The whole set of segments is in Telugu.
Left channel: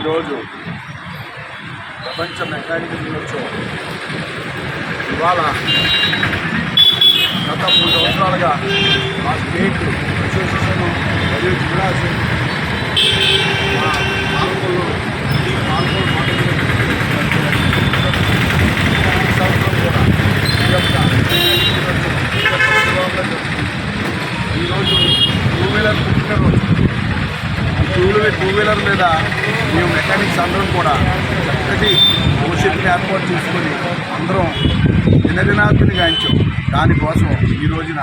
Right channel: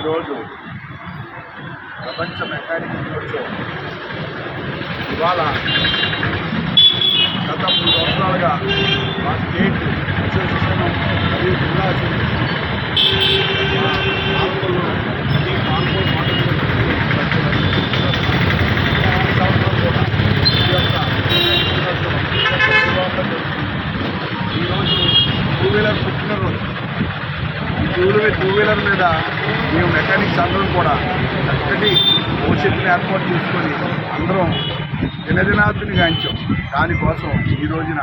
ఈరోజు ప్రపంచ మెకానికల్ దినోత్సవం ఇవాళ గత మూడు సంవత్సరాలుగా మా స్టేట్ అసోసియేషన్ మరియు జిల్లా అసోసియేషన్ మా పాల్గొల్లు ఈ పాల్గొలు మాటలు ఈ సంవత్సరం కూడా ఈ యొక్క దినోత్సవం ఈ ఈరోజు టూ వీలర్ పుట్టినరోజు ఈ టూ టూ వీలర్ మీద మేము మెకానిక్స్ అందరం కూడా చక్కటి భవిష్యత్తుని ఏర్పాటు చేసుకొని అందరం దినదినాభిని గాంచాం. దానికోసం ఈ రోజున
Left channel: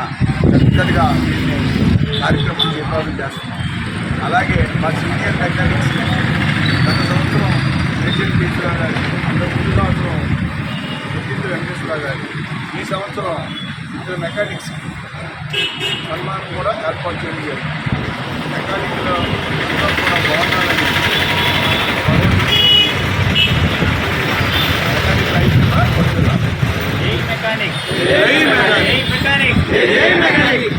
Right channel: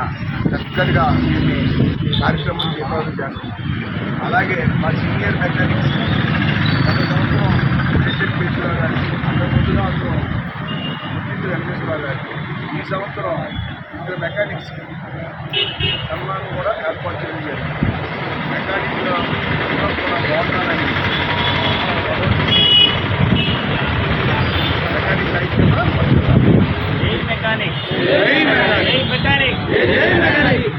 చక్కటిగా దీన్ని కార్యక్రమం ఏర్పాటు చేస్తున్నాం. అలాగే మా సీనియర్ మెకానిక్స్ గత సంవత్సరం మేజర్ కేశవరావు గారి అంతకు ముందు సంవత్సరం గుర్తింపు వెంకటేశ్వరరావు గారి ఈ సంవత్సరం ఇద్దరు మెకానిక్స్కి సన్మానం కూడా ఏర్పాటు చేయడం జరిగింది. మెకానిక్లు అందరూ కూడా బాగుండాలని భగవంతుడు మెకానిక్. రైతుగా పడుతున్నారు జై మెకానిక్. జై మెకానిక్. జై మెకానిక్.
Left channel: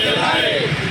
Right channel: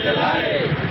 Ferrari!